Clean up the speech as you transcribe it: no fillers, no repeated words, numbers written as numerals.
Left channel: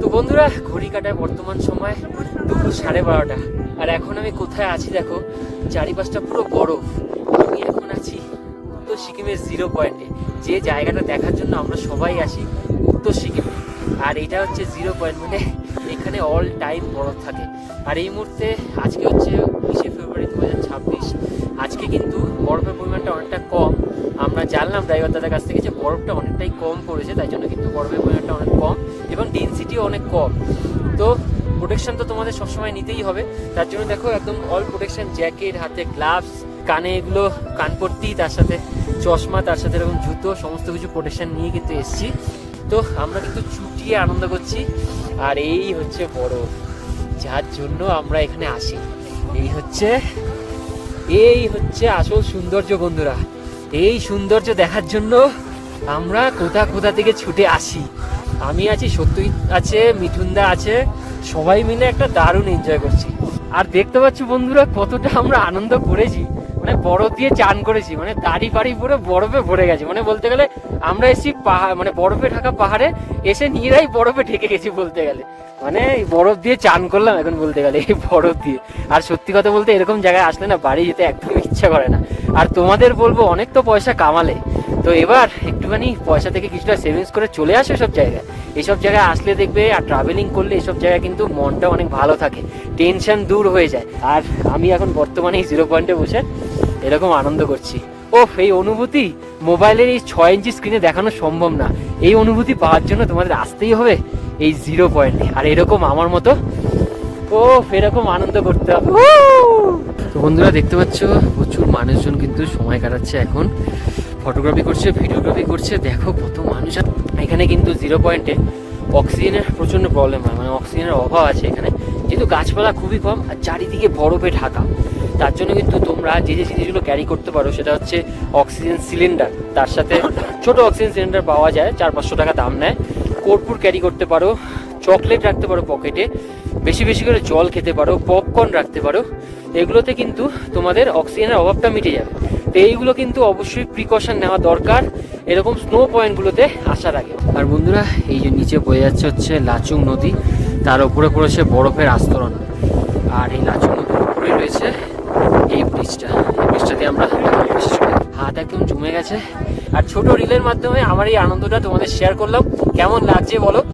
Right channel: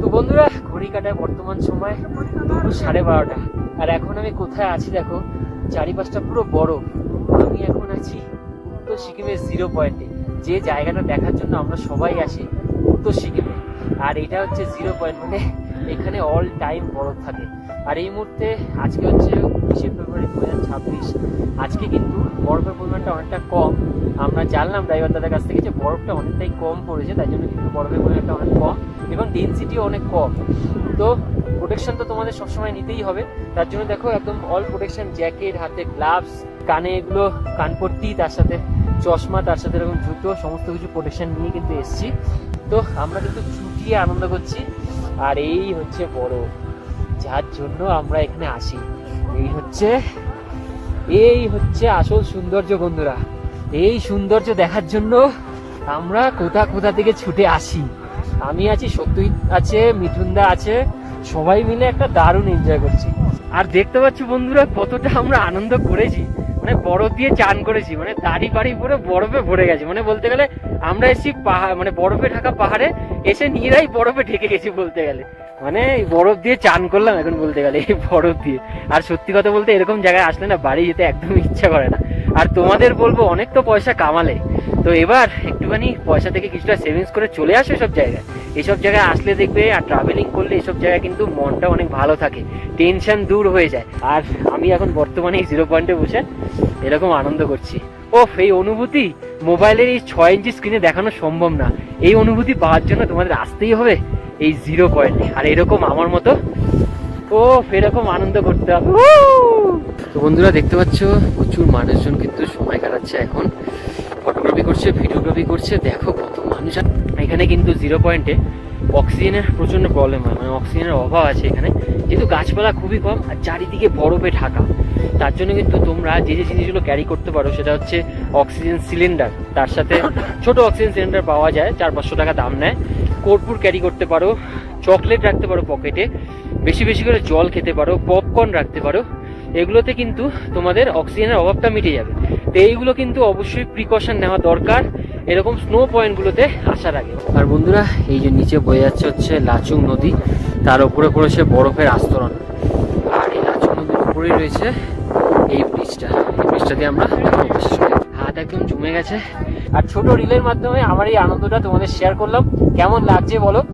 তো বন্ধুরা, ঘড়ি কাটায় বর্তমান সময় দুপুর 12:30, আর এখন আমি কোথায় আছি দেখো, চারিপাশটা পুরো বরফ। আমি এখন আছি উত্তর সিকিমের 0 পয়েন্টে, যে জায়গাটা দেখার জন্য আমরা সবাই আসি উত্তর সিকিমে। আর এটা হচ্ছে 0 পয়েন্ট, মানে এখানে অল টাইম বরফ থাকে। আর এই মুহূর্তে আজকে হচ্ছে 20 ফেব্রুয়ারি 2026। আজকে কিন্তু বরফের পরিমাণটা অনেকটা কম। আমরা জানলাম ড্রাইভার দাদার কাছ থেকে যে বরফটা অনেকটাই কম পড়েছে, তাই জন্য কিন্তু বরফের পরিমাণটা অনেক কম এবং ডেনসিটিও অনেক কম। তো প্রোটেকশন তো তোমাদের সবসময় নিতেই হবে, তার জন্য দেখো একদম অল প্রোটেকশন, জ্যাকেট, হাতে গ্লাভস, কানে এগুলো কানপট্টি, তার সাথে চশমা, তার সাথে এরকম জুতো, সমস্ত কিছু প্রোটেকশন নিয়ে কিন্তু এসছি। তো আমরা কিন্তু চুটিয়ে আনন্দ করছি। আর এই হচ্ছে বরফ, যার জন্য আমরা এখানে আসি। এই হচ্ছে আসল সৌন্দর্য বন্ধুরা। এই সৌন্দর্য দেখার জন্য আমরা কোথা থেকে ছুটে আসি। আমি আছি, সত্যজিৎ আছে, মিঠুনদা আছে, সবাই মিলে একটা দারুণ এনজয় করছি। আর দেখতে পাচ্ছ বন্ধুরা কতটা আমরা আনন্দ করেছি, মানে বরফ দিয়ে চান করেছি, মানে দাড়ি বাড়ি পুরো বরফে ভরে গেছে। মানে বলতে গেলে আমরা এসেছি পাহাড়, মানে বরফে ঢাকা পাহাড়ে এসে নিজেরাই বরফে ঢেকে গেছি বলতে গেলে। মানে এই বরফ দিয়ে চান করলাম এখন বলতে গেলে, এই বরফ দিয়ে। আর সত্যি কথা বলতে এরকম জায়গায় আসলে না বাড়ি যেতে একদম ইচ্ছা করে না। আর তোমাদের বলবো, অনেক তো পয়সা কামালে, তো এবার একটুখানি পয়সা থেকে কিছুটা সেভিংস করে চলে আসে এসব জায়গায়। এইসব জায়গায় আসলে দেখবে, আর ট্রাভেলিং করলে এসব জায়গায় কিন্তু মনটা অনেক ভালো থাকে, টেনশন দূর হয়ে যায়। আর আমি এখন বর্তমানে এই 0 পয়েন্টে বসে এরকম আনন্দ করছি। এই অনুভূতি মোবাইলের এই 6 ইঞ্চি স্ক্রিনে দেখানো সম্ভব না। এই অনুভূতি পাওয়ার জন্য তোমাদের আসতেই হবে এই 0 পয়েন্টে, আর এরকম আমার মতো এরকম আনন্দ করতে হবে। তো বন্ধুরা দেখতে পাচ্ছ, প্রচুর মানুষজন কিন্তু সময় কাটাচ্ছে এখন, ফটোগ্রাফি করছে, ভিডিওগ্রাফি করছে। দেখো কত মানুষ। এখানে কিন্তু 0 পয়েন্টে অক্সিজেনের প্রচন্ড প্রবলেম হয়, মানে অক্সিজেনের অভাব আছে এখানে, যেহেতু গাছপালা খুবই কম আর চারিদিকে বরফে ঢাকা। তার জন্য কিন্তু তোমরা যে জিনিসগুলো ক্যারি করতে পারো সেটা হচ্ছে অক্সিজেন সিলিন্ডার, তার সাথে ছোট অক্সিজেন সিলিন্ডার পাওয়া যায়, 400-500 টাকা দাম নেয়। কর্পূর ক্যারি করতে পারো, চকলেট রাখতে পারো পকেটে, বেশি বেশি করে জল খেতে পারো, পপকর্ন রাখতে পারো। এগুলোতে কিন্তু তোমাদের অক্সিজেনের অভাবটা মিটে যাবে। তো এইগুলো কিন্তু অবশ্যই প্রিকশন নেওয়া দরকার এরকম স্নো পয়েন্টগুলোতে আসার আগে। আর বন্ধুরা, এই যে নিচে বয়ে যাচ্ছে হচ্ছে লাচুং নদী, তার উপরে পড়েছে বরফের আস্তরণ। আর এই লাচুং নদীর উপরেই রয়েছে এই ব্রিজটা। এই ব্রিজটা দিয়ে আমরা বিশেষ করে হাত একদম জমে গেছে। আর ছোট রিলের মাধ্যমে আমার এই আনন্দটা তোমাদের শেয়ার করলাম। কেমন লাগছে বলো?